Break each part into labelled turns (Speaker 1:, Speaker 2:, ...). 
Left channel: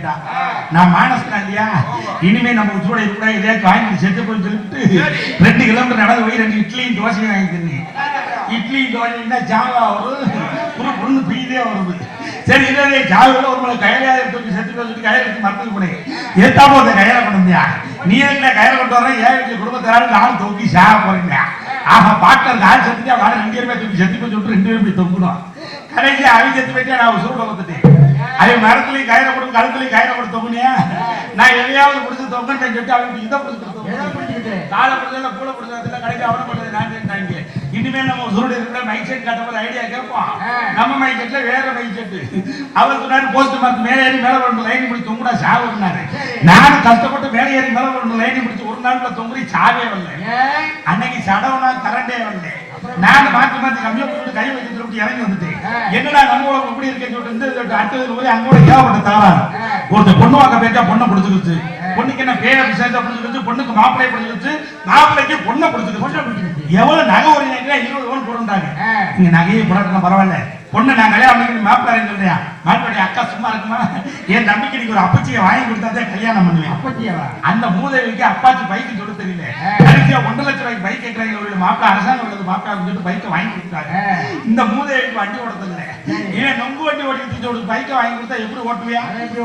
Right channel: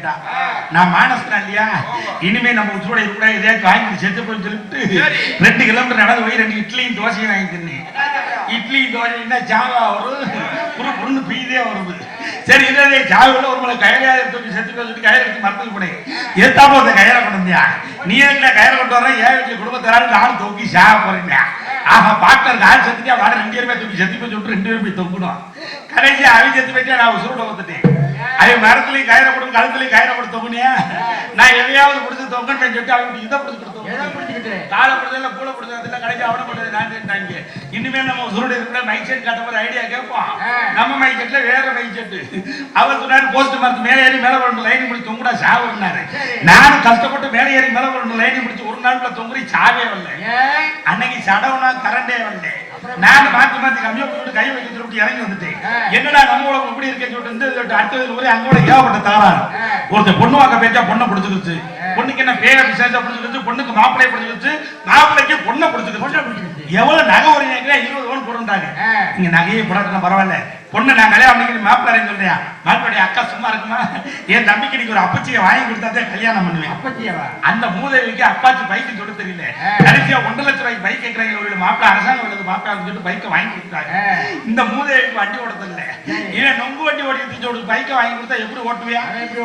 Speaker 1: என்னைய பார்த்து கேட்டா. நான் மானஸ்தான் இல்லையா? இனிமே நம்ம உசுரோட இருக்க இதே வாங்கி செத்து போய் சொல்லிட்டு. ரெண்டு கிலோமீட்டர் நடந்து போய் ரெண்டு இட்லியும் தோசையும் வாங்கி தின்னேன் இட்லியும் தோசையும் ஜாவா வரும். புரு புருன்னு பீதே வருது. சரி இதே ஜாவில் ஒரு மலை கயிறையா தூக்கி செத்து போய் சொல்லிட்டு கயிறு எடுத்து மரத்துக்கு போனேன். ஏத்தாப்போ அந்த கயிறை கொண்டு வந்தியா நீ என்ன கயிறை கொண்டு வர ஏன் வீட்டுல குடும்பத்தாரும் நானும் தூக்கி சாக போறீங்க ஆஹா பாக்டர் ஆள் செத்துட்டா வாட ரெண்டு பேருமே தூக்கி செத்து போய் சொல்லிட்டு ரெண்டு பேரும் போய் தொங்கணும் கடைசி அவன் செத்து போயிட்டா நான் உசுரோட வந்துட்டேன் அவன் மரத்துலயும் கயிறை கொடுத்து கழுத்துலயும் கயிறை கொடுத்து தொங்குனியா? நான் எதையாவது பிடிச்சி தொங்கன்னு சொல்லிட்டு அவனுக்கு இதை பிடிச்சி கொடுத்து? காலை பிடிச்சதுல கூட பிடிச்சதுல கடைசி அவனை பிடிச்சது நான் செஞ்சாங்க இனிமே நம்ம உசுரோட இருக்கிற மைக் செட் கட்ட போற ஐடியா கேட்போம். நம்ம மைக் செட்ல வேற மைக் செட் அவர் சொன்னாரு போஸ்ட் மரத்து மேலே ஏறி மேல வரணும் லைன் பிடிச்சி தொங்குடா சாவுனாரு நானும் கஷ்டப்பட்டு மேலே ஏறி மேல வரணும் லைன் பிடிச்சி ஒரு நாள்ல தொங்குறி சாவே வரல? அன்னைக்கு சடவுனா கரண்டே வரல. நான் மாத்தி மாத்தி கம்மியா போட்டு கை வைக்க சொல்லிட்டு இறங்கி வந்துட்டேன்.
Speaker 2: என்னடா
Speaker 1: நம்ம உலகம் இப்படி இருக்கேன்னு சொல்லிட்டு அடுத்தது போய் அங்க கூட ஏகப்பட்ட தாராரு. ஒருத்தர் பொண்ணு வாக்க பேச்சா பொண்ணை பிடிச்சிருச்சு. பொண்ணுக்கு என்ன பேர விசேஷம் பிடிச்சிருச்சு பொண்ணுக்கு மாப்பிள்ளை பிடிச்சிருச்சு மாப்பிள்ளைக்கு பொண்ணை பிடிச்சிருச்சு. எவ்வளவு நகை ஒரு இருபது போடுறாங்க
Speaker 2: ஆ.
Speaker 1: நீங்க நகையை போடாட்டினா பரவாயில்ல பொண்ணு நான் கல்யாணம் பண்ணிக்கிட்டு மாப்பிள்ளை சொல்றியா மாப்பிள்ளை அக்கா சும்மா இருக்குமா என் தம்பிக்கு நீங்க ஒரு அப்பச்சியை வாங்கி கொடுத்தாதான் கல்யாணம் பண்ணுவேன்
Speaker 2: அப்பச்சியவா?
Speaker 1: அந்த மூதேவிக்கு அப்பாச்சி பைக் சொல்ல தெரியல. கடைசியா ஒன்றரை லட்சம் ரூபாய்க்கு பைக் கேட்கறாங்க ஒரு மாப்பிள்ள அரசாங்கம் உள்ளது மாப்பிள்ள சொல்லிட்டு பைக்கை வாங்கி கொடுத்தாங்க. இந்த மூதேவிக்கு வண்டி ஓட தெரியல ஏன் நொங்கு வண்டி ஓட்டி ஒரு பைக்கை வாங்கி கொடுத்தா எப்படி ஓட்டுவியா?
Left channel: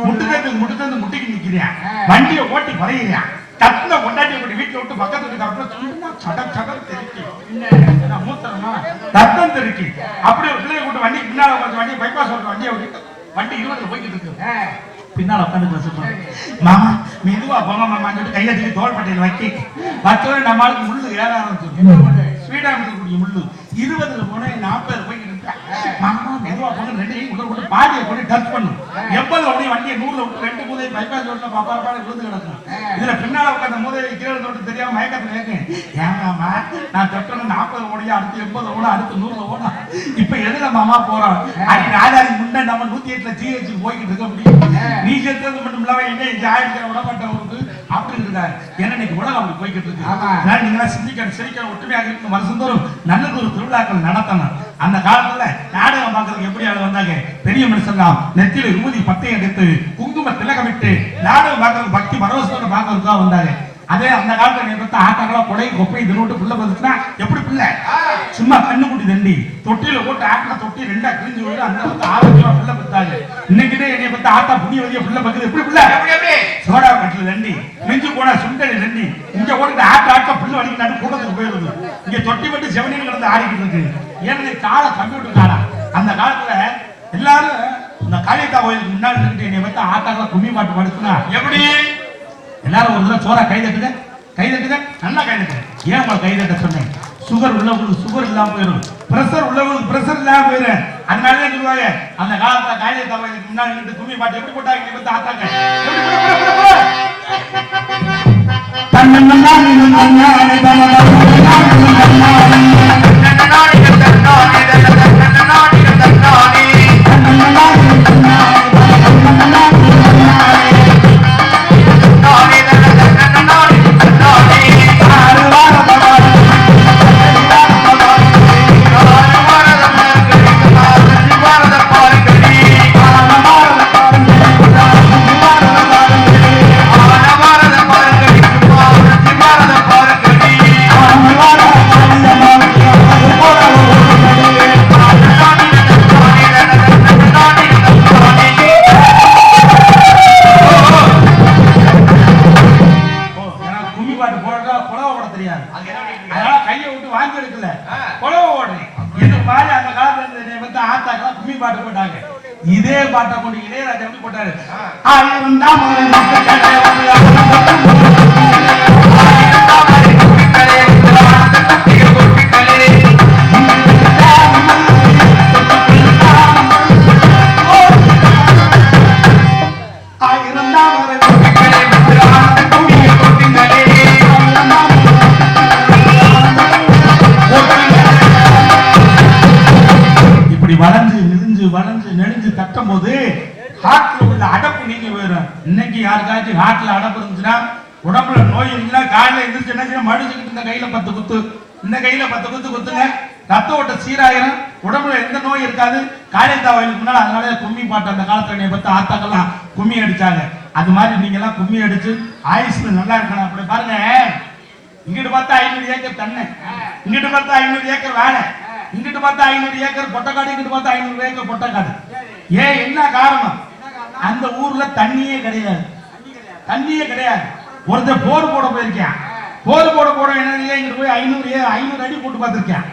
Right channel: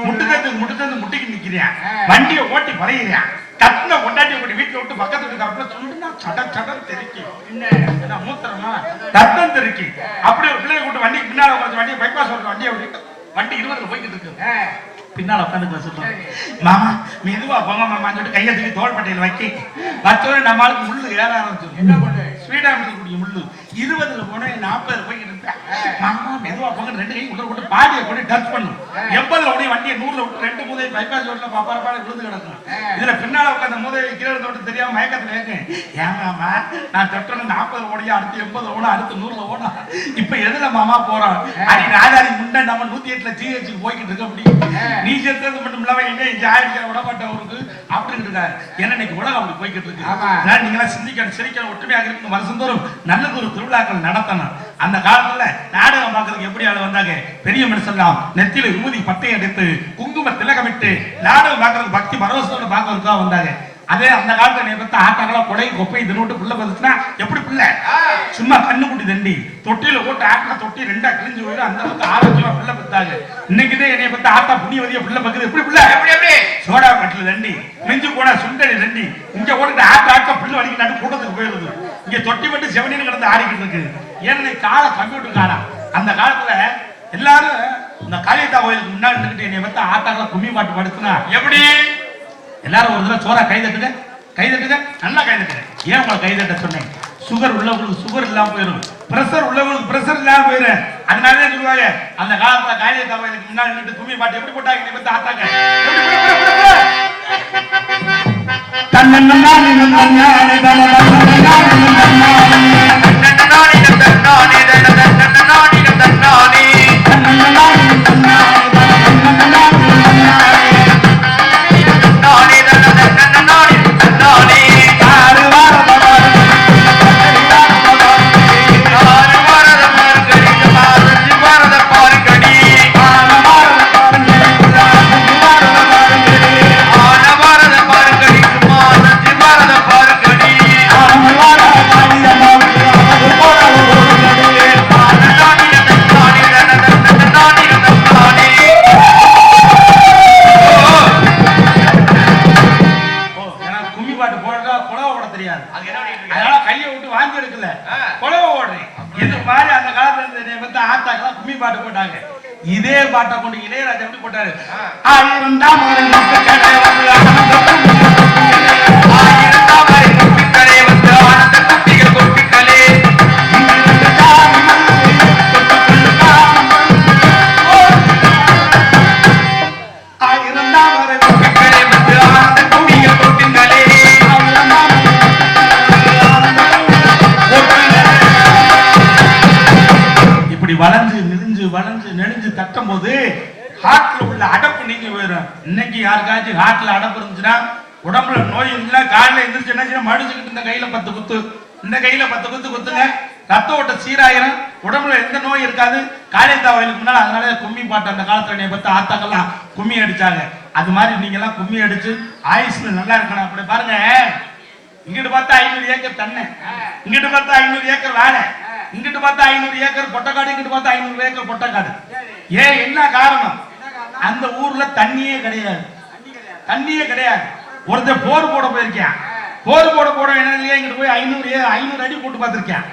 Speaker 1: முட்டுக்கத்து முட்டுக்கத்து முட்டிக்கு நிக்கிறியா. வண்டியை ஓட்டி பறையிறியா கத்துன கொண்டாட்டி கொண்டு வீட்டுல விட்டு பக்கத்து வீட்டு அப்புறம் சொல்லுனா சட சட தெரிக்கி என்ன? மூத்தரமா? ரத்தம் தெரிக்கி அப்படி ஒரு பிள்ளைய கூட்டு வண்டிக்கு பின்னால உட்காந்து வண்டியை பைபாஸ் ஓட்ட வண்டியை ஓட்டிட்டு வண்டி இருபதுல போய்கிட்டு இருக்கு. பின்னால உட்காந்து வச்சுப்போம் மாமா மெதுவா போங்க மாமா சொல்லிட்டு கையை தூக்கி தோல் பட்டையில் வைக்க ஆளுக்கு முள்ளு ஏற
Speaker 2: என்ன
Speaker 1: ஆரம்பிச்சு
Speaker 2: முள்ளு?
Speaker 1: ஸ்வீடா முள்ளு. இருபதுல போனா நாற்பது போய்கிட்டு மாமா மெதுவா போங்க ரெண்டு கை உள்ள போட்டு பாதியை போட்டு டச் பண்ணும் எவ்வளவு உடைய வண்டியை நூறுல விட்டு ரெண்டு மூதை பைபாஸ் ரோட்ல பாப்பா பாட விழுந்து கிடக்கும் இதுல பின்னால உட்காந்த மூதை கீழே தொட்டு தெரியாம மயக்கத்துல இருக்கேன் ஏன் நான் தொட்டணும் நாற்பது ஓடியா அடுத்து எண்பது ஓட அடுத்து நூறுல ஓடும் இப்ப எதுல மாமா போறோம் அடி ராஜாரி முண்டை நம்ம நூத்தி எட்டுல ஜிஹெச் போய்கிட்டு இருக்க முடியும் நீ செத்தது மட்டும் இல்லாம எங்க இங்க ஆயிரத்தி விட அப்படின்னு ஏன்னா இன்னைக்கு உலகம் அப்படி போய்கிட்டு இருக்கு. நீங்களா சிந்திக்கணும். சிரிக்கணும். ஒற்றுமையாக இருக்கணும். வருஷந்தோறும் நல்லது ஒரு திருவிழாக்கள் நடத்தணும். அந்த காலத்துல நாடகம் பார்க்கறதுக்கு எப்படி ஆளு வந்தாங்க? பெரிய மனுஷன்லாம் நெத்தியில விபூதி பட்டை எடுத்து குங்கும திலகமிட்டு நாடகம் பார்க்கறதுக்கு பக்தி பரவசத்தோட பார்க்கறதுக்கு தான் வந்தாங்க. அதே அந்த காலத்துல நீ பார்த்த ஆட்டாங்களா கொடை கொப்பை தினோட்டு புள்ள வந்துச்சுன்னா எப்படி பிள்ளை சும்மா கண்ணு குட்டி தண்டி. தொட்டியில போட்டு ஆட்டா தொட்டி ரெண்டா கிழிஞ்சு போயிடு அந்த அளவுக்கு ஆரோக்கியமா பிள்ளை பத்தாங்க இன்னைக்கு தான் என்னைய பார்த்து ஆட்டா புண்ணியவதியா பிள்ளை பக்குது. எப்படி பிள்ளை
Speaker 3: எப்படி எப்படி?
Speaker 1: சோடா கட்டில தண்டி நெஞ்சு போனா சுண்டலி தண்டி இங்க ஓடிட்டு ஆட்ட ஆட்ட புல்லு வலிக்கிட்டு கூட்டத்துக்கு போயிருது இங்க தொட்டி மட்டும் செவனின்னு கிடந்து ஆடிக்கிட்டு இருக்கு. ஏன்னா கால கம்ப்யூட்டர் காலா அந்த காலத்துல எல்லாரும் இந்த காளியத்தா கோயிலுக்கு முன்னாடி நின்னுட்டு என்னை பார்த்து ஆட்டாக்கெல்லாம் கும்மி பாட்டு படுத்துனா.
Speaker 3: எப்படி?
Speaker 1: எல்லாரும் ஒரு தடவை சோறா கை தட்டுங்க. கை தட்டுங்க. நல்லா கை தட்டுங்க. ஏன் உங்களை கை தட்ட சொன்னேன்? சுகர் உள்ளவங்களுக்கு சுகர் இல்லாம போயிடும். பிரஷர் உள்ளவங்களுக்கு பிரஷர் இல்லாம போயிடும். அதனால சொல்லுவாங்க அந்த காலத்துல காளிய கோயிலுக்கு முன்னாடி நின்று கும்மி பாட்டு எப்படி போட்டாங்க? நீ வந்து ஆட்டாங்க எப்படி போடு, போடு, போடு, போடு. தன்னன்னானே. நன்னானே பாட்டை கொண்டு இளையராஜா எப்படி போட்டாரு. ஆயிரம் ஹார்ட்ல உள்ள அடப்பு நீங்க போயிடும் இன்னைக்கு யாருக்காச்சும் ஹார்ட்ல அடப்பு இருந்துச்சுன்னா உடம்புல நோய் இருந்துச்சுன்னா காலையில எழுந்திரிச்சு என்ன செய்யணும்? மடிச்சுக்கிட்டு இந்த கையில பத்து குத்து. இந்த கையில பத்து குத்து குத்துங்க. ரத்த ஓட்ட சீராயிரும். உடம்புல எந்த நோய் இருக்காது. காளியத்தா வயலுக்கு முன்னால அதனால கும்மி பாட்டு அந்த காலத்துல என்னை பத்தி ஆத்தாக்கெல்லாம் கும்மி அடிச்சாங்க. அது மாதிரி நீங்க எல்லாம் கும்மி அடிச்சு ஆயுஷ்ல நல்லா இருக்கணும். அப்படி பாருங்க. இங்கிட்டு பார்த்தா ஐநூறு ஏக்கர் தண்ணி. இங்கிட்டு பார்த்தா ஐநூறு ஏக்கர் வேலை இங்கிட்டு பார்த்தா ஐநூறு ஏக்கர் பொட்டக்காடு இங்கிட்டு பார்த்தா ஐநூறு ஏக்கர் பொட்டக்காடு ஏன்? என்ன காரணம்? அந்த ஊர்ல தண்ணியே கிடையாது. தண்ணியே கிடையாது. ஒருத்தர் போர் போட போயிருக்கேன். போர் போட போட என்ன இங்கிட்டு போய் ஐநூறு ஏ- ஐநூறு அடி போட்டு பார்த்திருக்கேன்.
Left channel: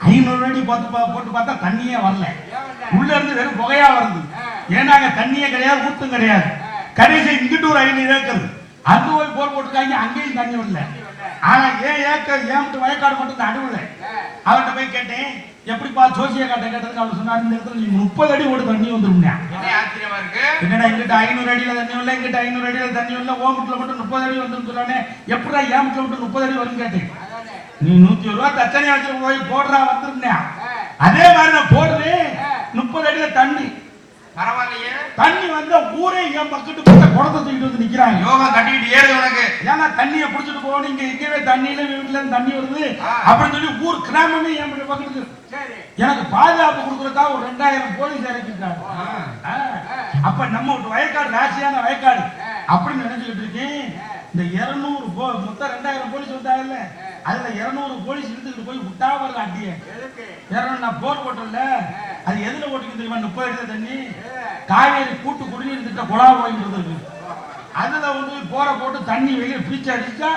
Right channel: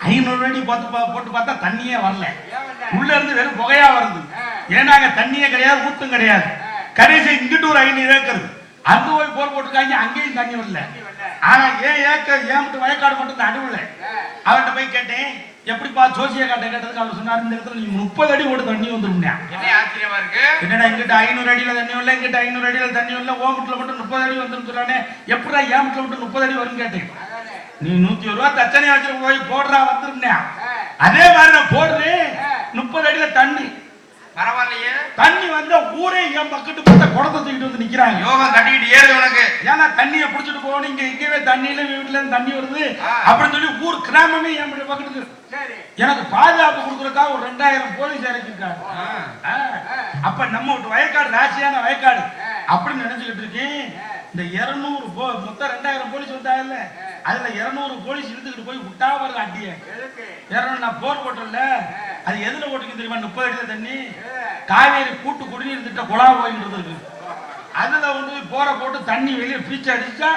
Speaker 1: ஐநூறு அடி பார்த்து பா- போட்டு பார்த்தா தண்ணியே வரல. உள்ள இருந்து வெறும் புகையா வருது. ஏன்னா அங்க தண்ணியே கிடையாது ஊத்தும் கிடையாது. கடைசி இங்கிட்டு ஒரு ஐநூறு ஏக்கர். அங்க போய் போர் போட்டுருக்காங்க அங்கேயும் தண்ணி வரல. ஆனா ஏன் ஏக்கர் ஏன் வயக்காடு மட்டும் நடுவுல அவன்கிட்ட போய் கேட்டேன் எப்படிப்பா ஜோசிய காட்ட கேட்டதுக்கு அவர் சொன்னார் இந்த இடத்துல நீங்க முப்பது அடி ஓடு தண்ணி
Speaker 3: ஆச்சரியமா இருக்கு?
Speaker 1: என்னடா இங்கிட்ட ஐநூறு அடியில தண்ணி வரல இங்கிட்ட ஐநூறு அடியில தண்ணி வரல ஓமட்டுல மட்டும் முப்பது அடி வந்துன்னு சொல்றானே எப்படா ஏமட்டுல மட்டும் முப்பது அடி வரும்னு கேட்டேன். நீ நூத்தி ஒரு ரூபா தச்சனையா வச்சு போய் போடுறா வந்துருந்தேன் அதே மாதிரி நான் போடுறேன். முப்பது அடியில தண்ணி.
Speaker 3: பரவாயில்லையே.
Speaker 1: தண்ணி வந்த ஊரே என் பக்கத்து பார்த்த குடத்தை தூக்கிட்டு வந்து நிக்கிறாங்க.
Speaker 3: யோகம் கட்டிக்கிட்டு ஏறுது உனக்கு.
Speaker 1: ஏன்னா தண்ணியை புடிச்சிட்டு போகணும் இங்க இங்கவே தண்ணியில வீட்டுல தண்ணி வருது. அப்படின்னு சொல்லி ஊர் கிராமமே என் பக்கத்துக்கு எனக்கு பாதுகாப்பு கொடுக்கறதுக்காக ஒரு ரெண்டாயிரம் போலீஸ் இறக்கிருக்காங்க. அப்ப நம்ம வீட்டு வயக்காடு ராசியான வயக்காடு. அப்படின்னு நினைச்சுக்கிட்டு இருக்கேன். இந்த இருநூறு மொத்தம் ரெண்டாயிரம் போலீஸ் வந்தாங்கல்ல. அதுல இருநூறு போலீஸ் இழுத்துக்கிட்டு போய் விட்டா வருது அடிய இருநூறு நான் போர் போட்டல அது எதுல ஓட்டிக்கு தெரியுமா? முப்பது அடியில் தண்ணி. காவேரி கூட்டு குடிநீர் திட்ட குழா போயிட்டு அதுல வந்து போற போட்டு தண்ணி வெளியே பீச்சு அடிச்சா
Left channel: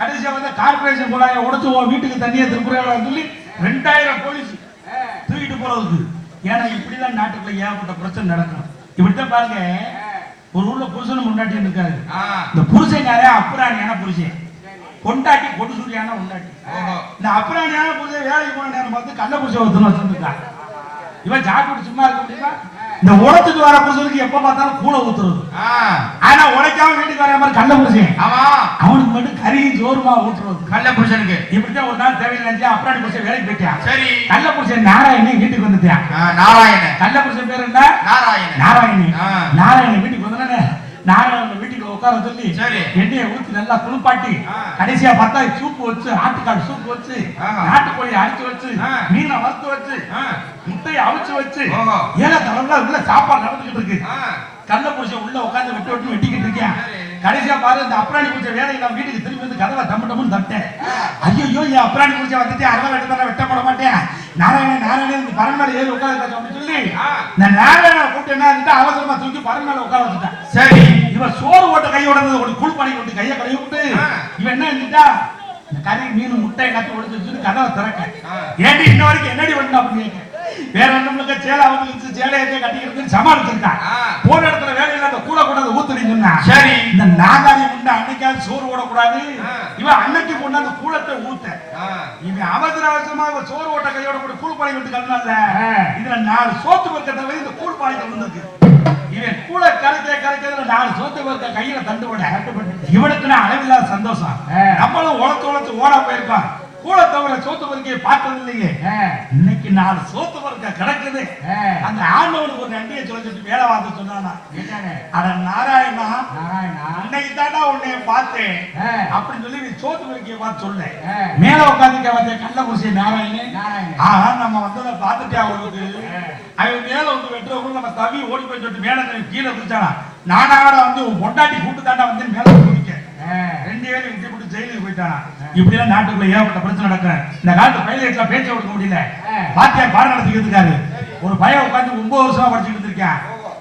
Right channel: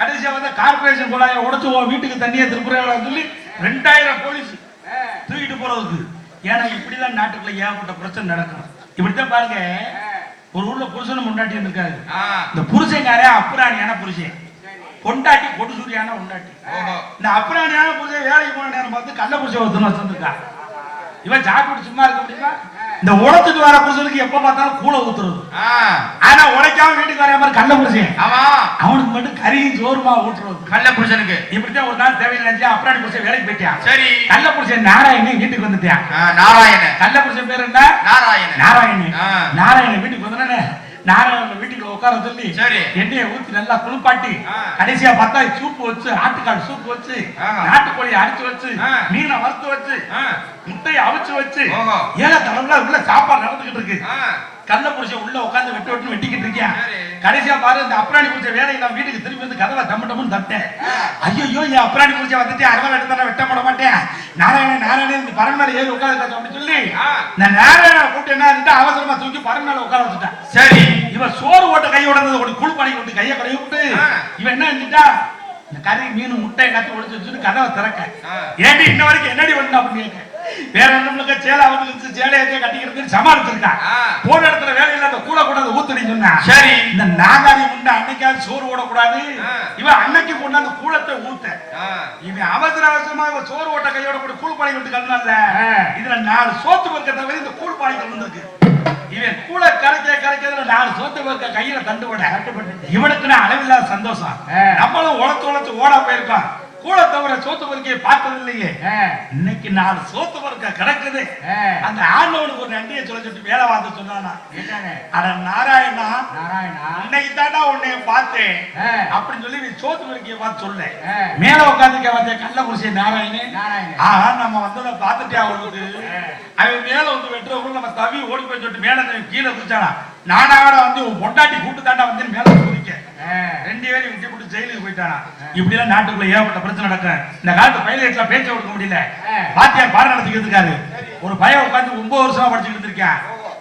Speaker 1: கடைசியா வந்து கார்பரேஷன் குழாயை உடைச்சு உன் வீட்டுக்கு தண்ணியை திருப்புறாங்க சொல்லி ரெண்டாயிரம் போலீஸ் தூக்கிட்டு போறதுக்கு. ஏன்னா இப்படிதான் நாட்டுக்குள்ள ஏகப்பட்ட பிரச்சனை நடக்கும். இப்படித்தான் பாருங்க. ஒரு ஊர்ல புருஷன் முன்னாடி இருக்காரு. இந்த புருஷன்காரன் அப்புறாணியான புருஷன் பொண்டாட்டி கொடு சூரியான பொண்டாட்டி.
Speaker 3: ஓஹோ.
Speaker 1: இந்த அப்புறாணியான புருஷன் வேலைக்கு போன நேரம் பார்த்து கள்ள புருஷன் ஒருத்தன் வச்சிருக்கா இவன் சாப்பிட்டு சும்மா இருக்க முடியுமா? இந்த உடத்துக்கு வர புருஷனுக்கு எப்ப பார்த்தாலும் கூளை ஊத்துறது. ஆனா உழைக்காம வீட்டுக்கு வர மாதிரி கள்ள புருஷன்
Speaker 3: ஆமா.
Speaker 1: அவனுக்கு மட்டும் கறியும் சோறுமா ஊட்டுறது.
Speaker 3: கள்ள புருஷனுக்கு
Speaker 1: இப்படித்தான் ஒரு நாள் தேவையில்லை நினைச்சு அப்புறாணி புருஷன் வேலைக்கு போயிட்டான்
Speaker 3: சரி.
Speaker 1: கள்ள புருஷன் நாராயணன் வீட்டுக்கு வந்துட்டான்
Speaker 3: ஆ, நாராயண
Speaker 1: கள்ள புருஷன் பேர் என்ன?
Speaker 3: நாராயண
Speaker 1: நாராயணன்.
Speaker 3: ஆ.
Speaker 1: நாராயணன் வீட்டுக்கு வந்தானே. நாராயணன் வீட்டுக்கு உட்கார சொல்லி. எண்ணெயை ஊத்தி நல்லா குளிப்பாட்டி. கடைசியா பார்த்தா சூப்பு வச்சு ஆட்டுக்கால் சூப்பு வச்சு. நாட்டுக்கோழி அடிச்சு வச்சு. மீனை வறுத்து வச்சு. முட்டையை அவிச்சு வச்சு. ஏழை தலைவர்களா உள்ள சாப்பாடு நடந்துகிட்டு இருக்கு கள்ள புருஷன் உள்ள உட்கார்ந்து வெட்டு வெட்டு வெட்டிக்கிட்டு இருக்கேன். கடைசியா பாரு இந்த அப்ராணி புருஷன் வேலைக்கு நான் வீட்டுக்கு திரும்பி வந்து கதவை டம்மு டம்முன்னு தட்டேன் ஐயோ என் அப்ராணி புருஷன் வந்துட்டு அறுபது எடுத்து வெட்ட போட மாட்டேன் நாராயணன் நாராயணன் இந்த பரன் மேல ஏறி உட்காந்து அப்படின்னு சொல்லி. இந்த நாராயண கூட்டு என்ன இருந்துட்டு அவசரமா தூக்கி பரன் மேல உட்கார வச்சுட்டான்
Speaker 3: சரி
Speaker 1: இவன் சோறு ஓட்ட கை உடனது ஒரு குள் பண்ணி விட்டு கையை கழுவி விட்டு. இவன் என்ன இருந்துட்டா இந்த கறி மீன் முட்டை கத்தி உடைச்சு வச்சுட்டு கதவை திறக்க
Speaker 3: ஆ.
Speaker 1: ஏண்டி இன்ன வரைக்கும் என்னடி பண்ண அப்படின்னு வேற நம்மளுக்கு சேலை வந்து சேலையை கட்டிக்கிறது சமாளிச்சிருக்கான்
Speaker 3: ஆ.
Speaker 1: போன இடத்துல வேலையில அந்த கூட கூட ஊத்துறீ சொன்னா.
Speaker 3: சரி.
Speaker 1: இந்த நாகாரி முண்டை அன்னைக்காவது சோறு ஓடக்கூடாது. இவன் அன்னைக்கு கொண்டாந்து கூடத்தை ஊத்த.
Speaker 3: ஆ.
Speaker 1: இவன் அவசர அவசரமா இவன் சோறு ஓட்ட கையோட கூட கூழ் பானை விட்டு கலந்தால இதுல நாலு சோத்து பருக்கத்தை வந்து இந்த கூழ் பானை வந்திருக்கு இவன் கூட கரைக்க கரைக்கிறதுல நாலு சோத்து பருக்க கையில தண்டு விட இவனுக்கு நான் அளவில்லாத சந்தோஷம். நம்மளும் உழத்து உழத்து ஓட போயிருக்கோம். கூட தவிர சோத்து பருக்கையை பார்த்தது இல்லையே இன்னைக்கு நாலு சோத்து பருக்க கிடக்குது. அந்த ஆண்டவனுக்கு ஒரு நன்றியை சொல்லிட்டு வேலை பார்த்து சொன்னானா? அட நாராயணா அன்னைக்கு தாண்டா உன்னைய பார்த்தேன். அப்படின்னு சொல்லி நீ சோத்து பருக்கையை பார்த்து சொல்ல. மேல உட்காந்துக்க வந்த கள்ள குடிசை நாராயணன். ஆஹா நம்ம வந்ததை பார்த்துட்டே அவளுக்கு அவன் மேல வந்து வெட்டுறவங்க நம்ம தவி ஓடி போய் சொல்லிட்டு மேல கீழே குதிச்சானா? நானாட வந்து பொண்டாட்டி கூட்டு தாண்டா வந்து மேல ரெண்டு பேரும் விட்டு போட்டு ஜெயிலுக்கு போயிட்டானா. இப்படி எல்லாம் நாட்டுக்குள்ள ஏகப்பட்ட பிரச்சனை நடக்கும் இந்த காலத்து பைலட்ல பேச்ச கொடுக்க முடியல. பாத்தியார் பாடம் நடத்திக்கிட்டு இருக்காரு. ஒரு பையன் உட்காந்து ஒன்பது வருஷமா படிச்சுக்கிட்டு இருக்கேன்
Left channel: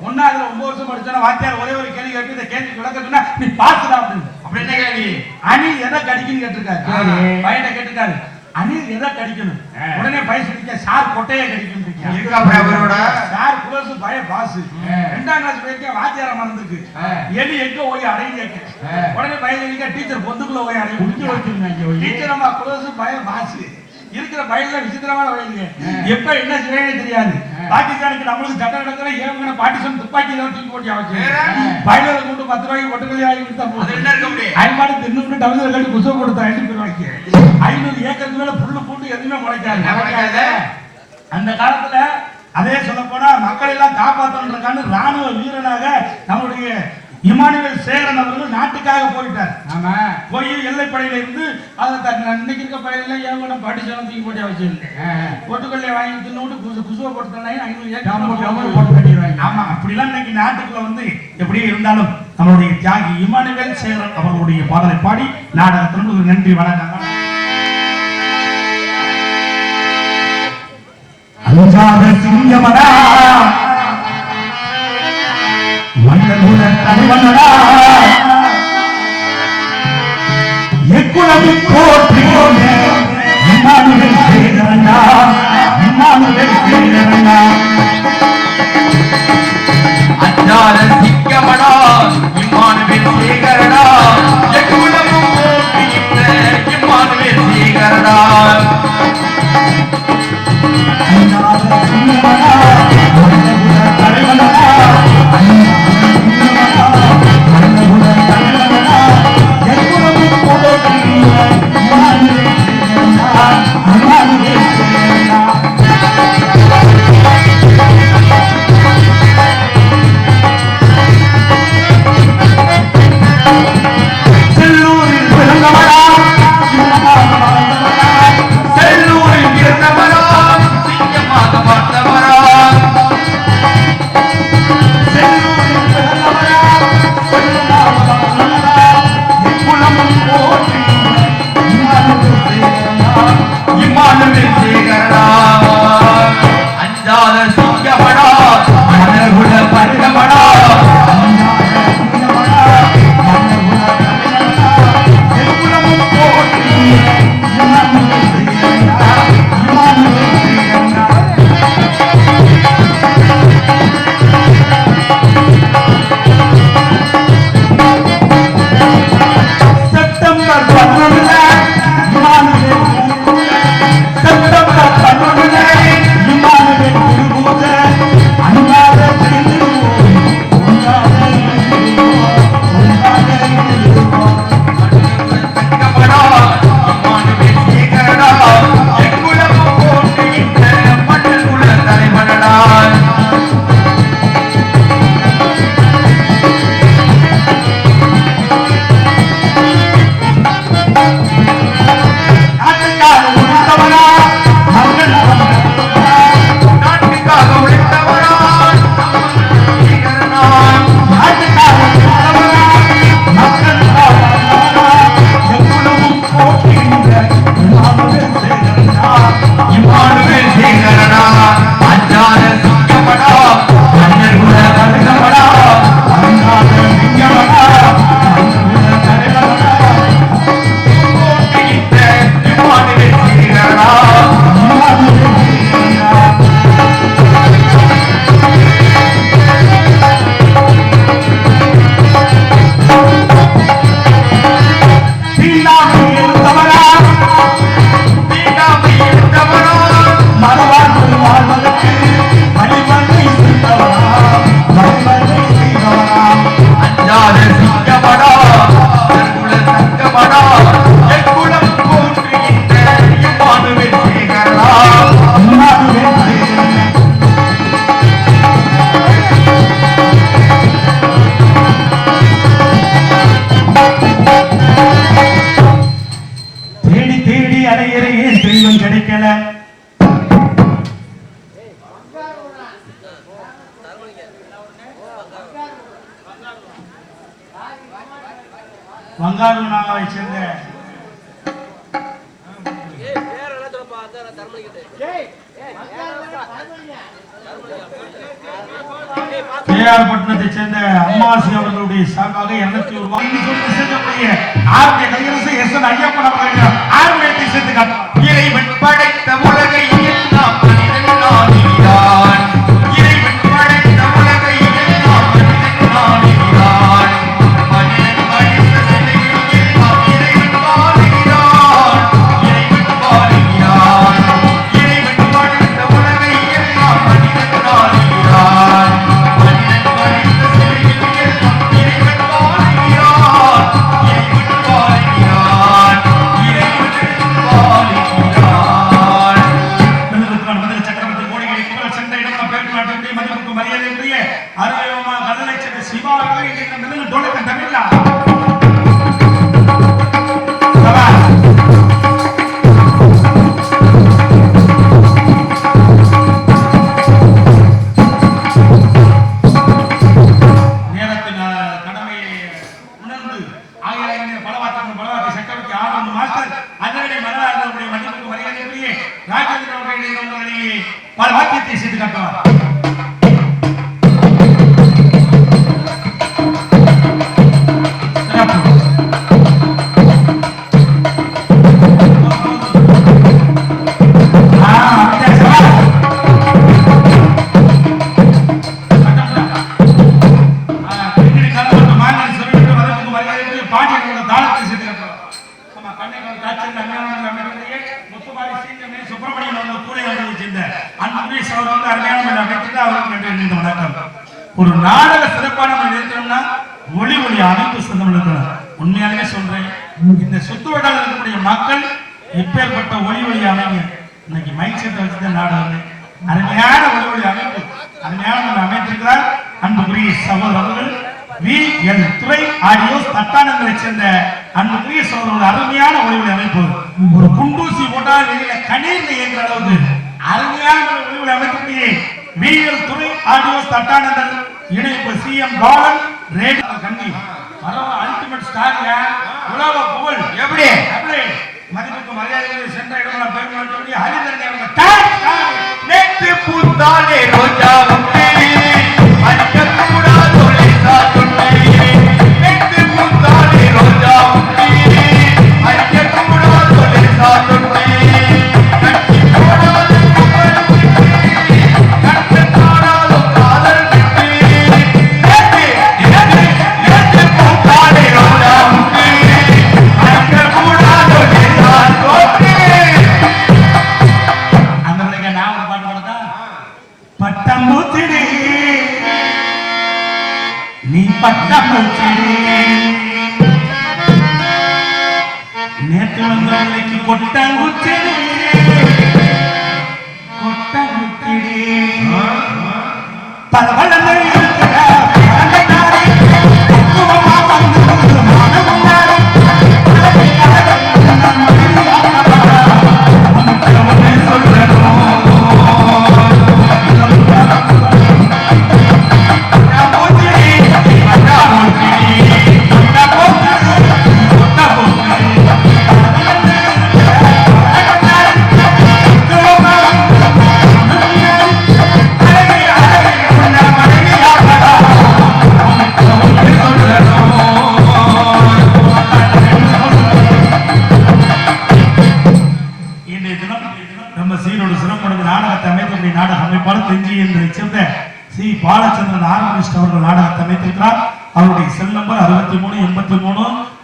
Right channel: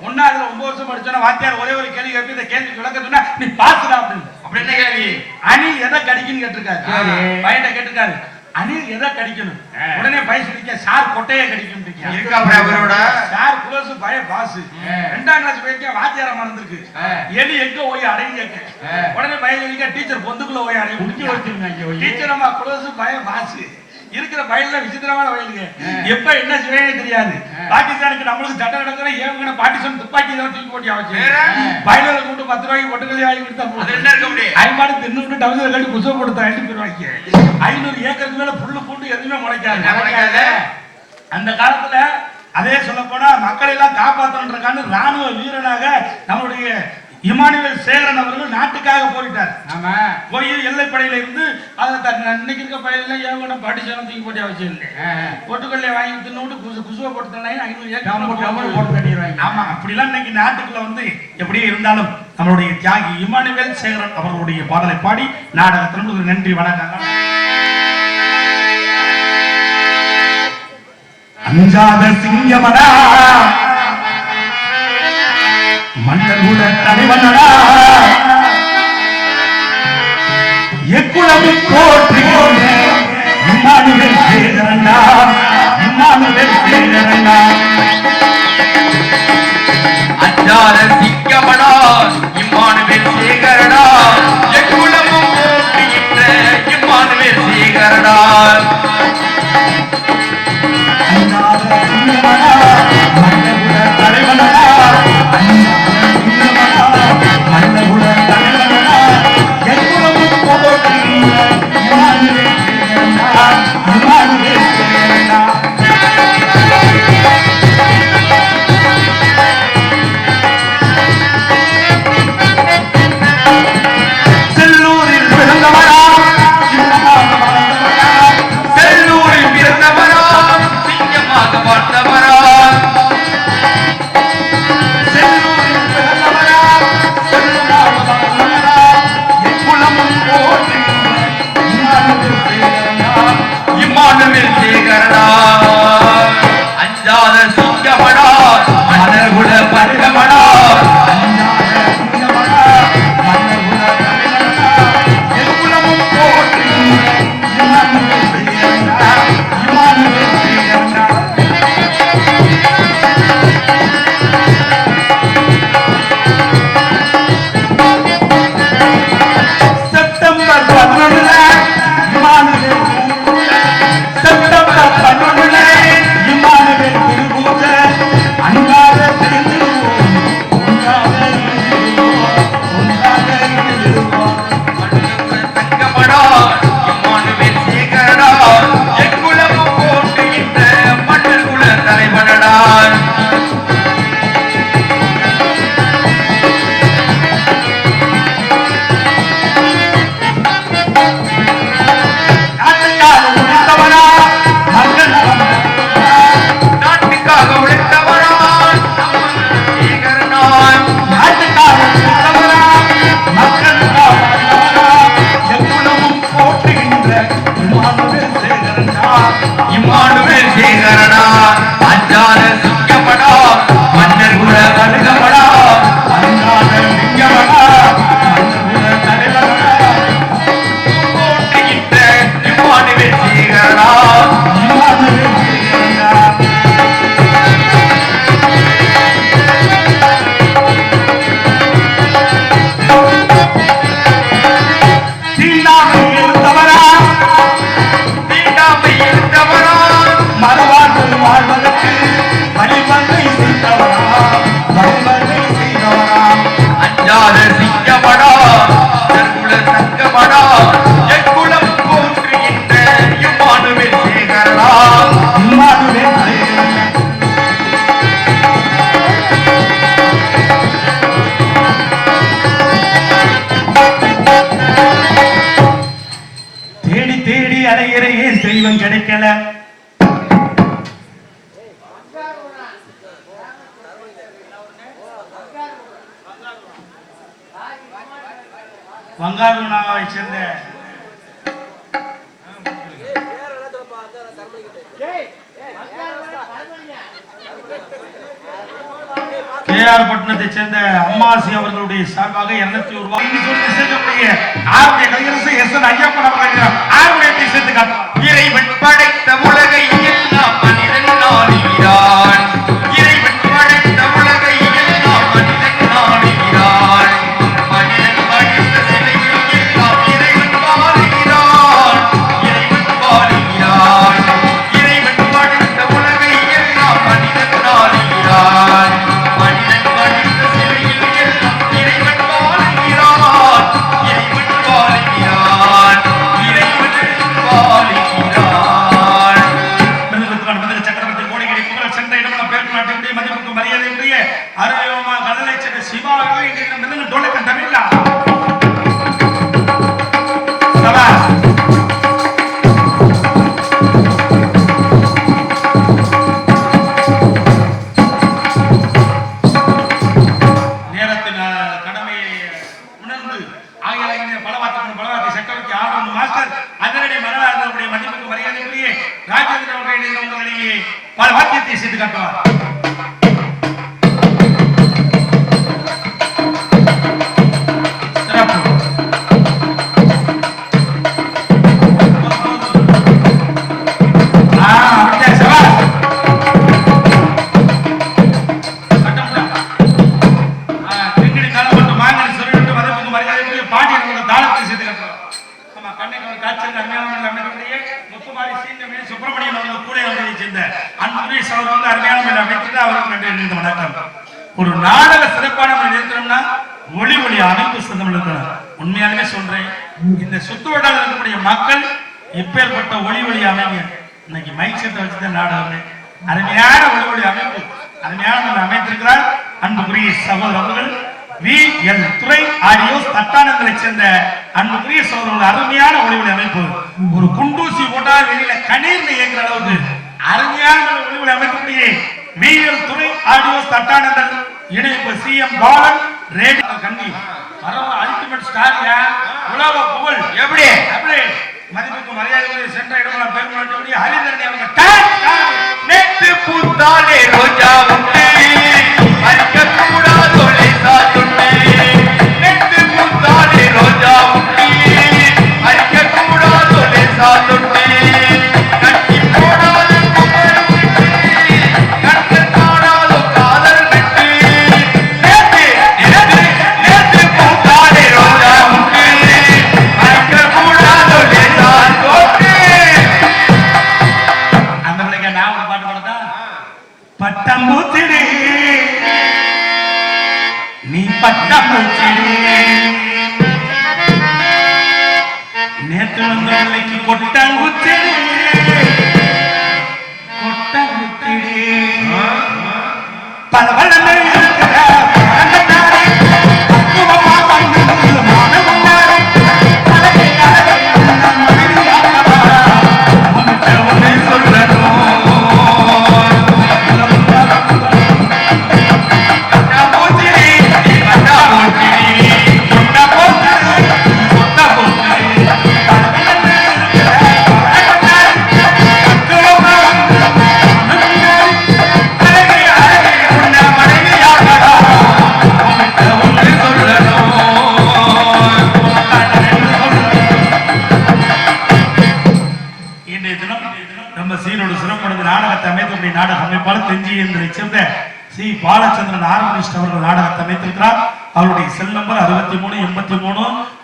Speaker 1: ஒன்னாவதுல ஒன்பது வருஷம் படிச்சோன்னா வாத்தியார் ஒரே ஒரு கேள்வி கேட்டு இந்த கேள்விக்கு விளக்க சொன்னா நீ பாத்துடா அப்படின்னு.
Speaker 3: அப்படி என்ன கேள்வி?
Speaker 1: அணில் எதை கடிக்குன்னு கேட்டிருக்காரு. பையனை கேட்டிருக்காரு. அணில் எதை கடிக்கணும். உடனே பையன் சொல்லிக்க சார் கொட்டையை
Speaker 3: அவரோட
Speaker 1: சார் குலசு பய பாசு. ரெண்டாம் கிளாஸ் போயிருக்கேன் வாத்தியார மறந்துருக்கு. எலி எங்க போய்
Speaker 2: ஆ.
Speaker 1: உடனே பையன் சொல்லிக்க டீச்சர் பொந்துக்குள்ள போய்
Speaker 2: வச்சிருங்க இங்க போய்.
Speaker 1: டீச்சர் அம்மா குலசு பய பாசு இருக்கிற பயில விசித்திரமான வயலுங்க எப்ப என்ன செய்யணும் தெரியாது. பாகிஸ்தானுக்கு நம்மளுக்கு சட்டம் நடக்கிற ஏவங்கன பாட்டிசன் துப்பாக்கி தான் தூக்கி போட்டி
Speaker 3: வேற?
Speaker 1: பயில கூட்டு பத்து ரூபாய்க்கு ஒட்டுக்கலி வாங்கி கொடுத்தா ஐம்பது தின்னு டவுன் கட்டி குசை கொடுத்தா பேர் வாங்கி ஐநூறு ஏக்கருக்கு மேல புல்லு பூண்டு எதுவுமே முளைக்காது? அந்த காலத்துல அதே சொல்ல போனா மக்களை எல்லாம் காப்பாற்றணுன்றக்கான ராணுவ வீரனாக நம்மளுடைய இமானுவேல் சேகரன் அவர்கள் நாட்டுக்காக போயிட்டார்
Speaker 2: ஆமா.
Speaker 1: போய் எல்லைப்படையில இருந்து இன்னைக்கு இருக்க படையில ஏவன படிச்சாலும் தூக்கி போட்டு அவசியம் இல்லை. ஒட்டுக்கல்லையை வாங்கி தின்னு குசு குசுவை போட்டு ஐநூறு ஏக்கர்
Speaker 2: போட்டு கட்டிடுவாங்க.
Speaker 1: ஆமா அப்படிலாம் இன்னைக்கு நாட்டுக்குள்ள வந்து எப்படியே இருந்தாலும் நம்மளுடைய தியாகி இமானுவேல் சேகரன் அவர்களுடைய பாடலை பாடி நாடகத்திற்கு நன்றி வணக்கம். அஞ்சாத சிங்கமடா மன்னகுல தலைவனடா எக்குளம் போற்றி இம்மானுவேல் சேகரனா இம்மானுவேல் சேகரனா
Speaker 3: அஞ்சாத சிங்கமடா இம்மானுவேல் சேகரடா. எக்குலமும் போற்றுகின்ற இம்மானுவேல் சேகரடா.
Speaker 1: அஞ்சாத சிங்கமடா அஞ்சாத சிங்கமடா
Speaker 3: மனகுல பருகமடா
Speaker 1: செப்டம்பர்
Speaker 3: இம்மானுவேல்
Speaker 1: சேகரனா தேடி தெய்வம் கிடைக்கல வங்காளூனாவை சேர்ந்த கேஆர் பட்டணத்தை சேர்ந்த அம்மாசி அவர்களுடைய சார்பாக இருநூத்தி ஒரு ரூபாய். சொல்லி சேர்க்கக்கூடிய ஆருடைய கலைஞரசு எஸ் என் ஐயப்பன் அவர்கள் ஆருடைய சேர்த்து காட்டுவார்
Speaker 3: இறைவன் படைத்த உலகை
Speaker 1: வா- வாத்தியத்தை செய்து காட்டுவார் இந்த இருக்கக்கூடிய மக்கள் இப்பேற்பட்ட ஒளி ஒளி அமைப்பு இன்னைக்கு மைக்கத்தை வச்சுதான் நாடகம் அருமையான ஒளி ஒளி அமைப்பு அருமையான அமைத்திருக்கிறார் அன்புக்குரிய சகோதரர்கள் வி. என் துறை ஆகியோர் தட்டானங்களை சேர்ந்த அன்புக்குரிய சகோதரர்கள் அருமையான ஒளி ஒளி அமைப்பு. ஒரு குண்டூசி போட்டால் வெளியில கணீர்னு இயங்குற அளவுக்கு அருமையான ஒளி ஒளி அமைப்புக்குரிய வி. என் துறை ஆடியோ தட்டானந்தன் இணைப்பு சி. எம். பாலன் ரேடியோ கண்டி பரவ அல்டிமேட் ஸ்டார்யா உலக புகழ்.
Speaker 3: எப்படி?
Speaker 1: அப்படி மதிப்புக்கு மரியாதை சென்ற இடமெல்லாம் பெருமாள் ஹரிதரன் அவங்க டான், டான்.
Speaker 3: நேற்று பூத்தாலே ரோஜா உண்டு. மறக்கக்கூடாது தொலைத்தாட்டுண்டு நேற்று பூத்தாலே ரோஜா உண்டு.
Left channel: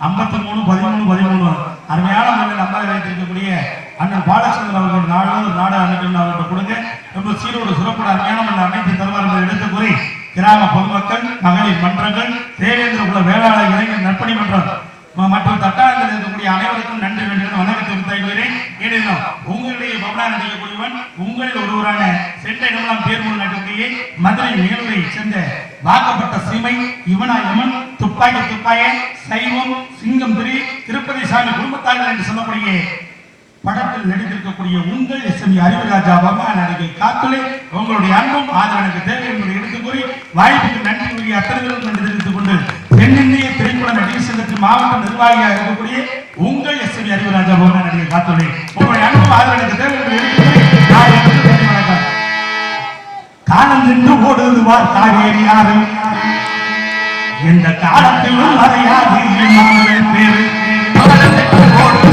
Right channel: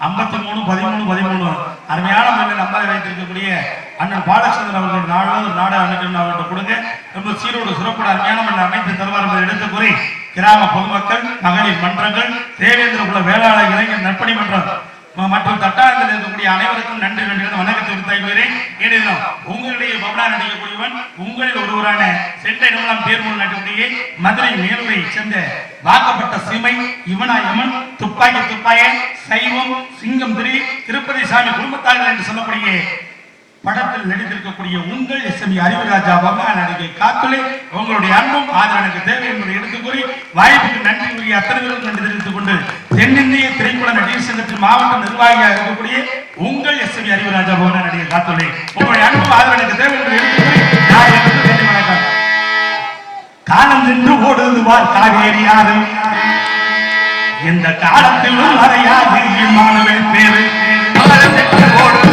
Speaker 1: ஐம்பத்தி மூணு பதிமூணு பதிமூணு. அருமையான முறையில் அம்மாவை வைத்திருக்கக்கூடிய அண்ணன் பாலச்சந்திரன் அவர்கள் நாடகம் நாடு அமைக்கணும் அவர்கள் கொடுங்க. ரொம்ப சீரோடு சிறப்பான அருமையான முறையில் அமைத்து தருவார் என்பதை எடுத்து கூறி கிராம பொதுமக்கள் மகளிர் மன்றங்கள் தேவேந்திர குல வேளாளர் இளைஞர் நற்பணி மன்றம் மற்றும் தட்டாரத்தில் இருக்கக்கூடிய அனைவருக்கும் நன்றி வேண்டும் வணக்கத்தை உத்தாய்கிறேன் ஏனெனும் உங்களுடைய பவனா நடிக்கக்கூடியவன் உங்களில் ஒருவரான சென்ற இடமெல்லாம் தேர்வு நட்டக்கூடிய மதுரை மேலுரை சேர்ந்த வாக்கப்பட்ட சீமை இவனா இவன் துப்பாக்கி துப்பாய சைவம் சிங்கம் திரு திருப்பதி சாமி குடும்பத்தார்கள் என்று சொல்லக்கூடிய படத்தில் நடித்திருக்கக்கூடிய உங்கள் எஸ்எம்இ அறிவுராஜா பகவான் நடிகை காத்துளை உங்களுடைய அன்பும் ஆதரவு தேவை என்பதை எடுத்துக் கூறி வாய்ப்புக்கு நன்றி கூறிய அத்தனைகளும் நன்றி தெரிவித்துக் கொண்டு தென்னிந்திய திரைப்பட நடிகர் சங்கத்தின் மாவட்ட நிர்வாகியாக இருக்கக்கூடிய உங்கள் எஸ்எம்இ அறிவுராஜா பகா நடிகை காத்துலை உங்களுடைய அன்பும் ஆதரவு தேவை என்பதை எடுத்துக் கூறி காலம் நின்று ஓடுவார் காவேரி ஆறு. எந்த காலத்திலும் அறையாது மாணவன் பேரு
Speaker 3: காலத்துக்கு ஓடுது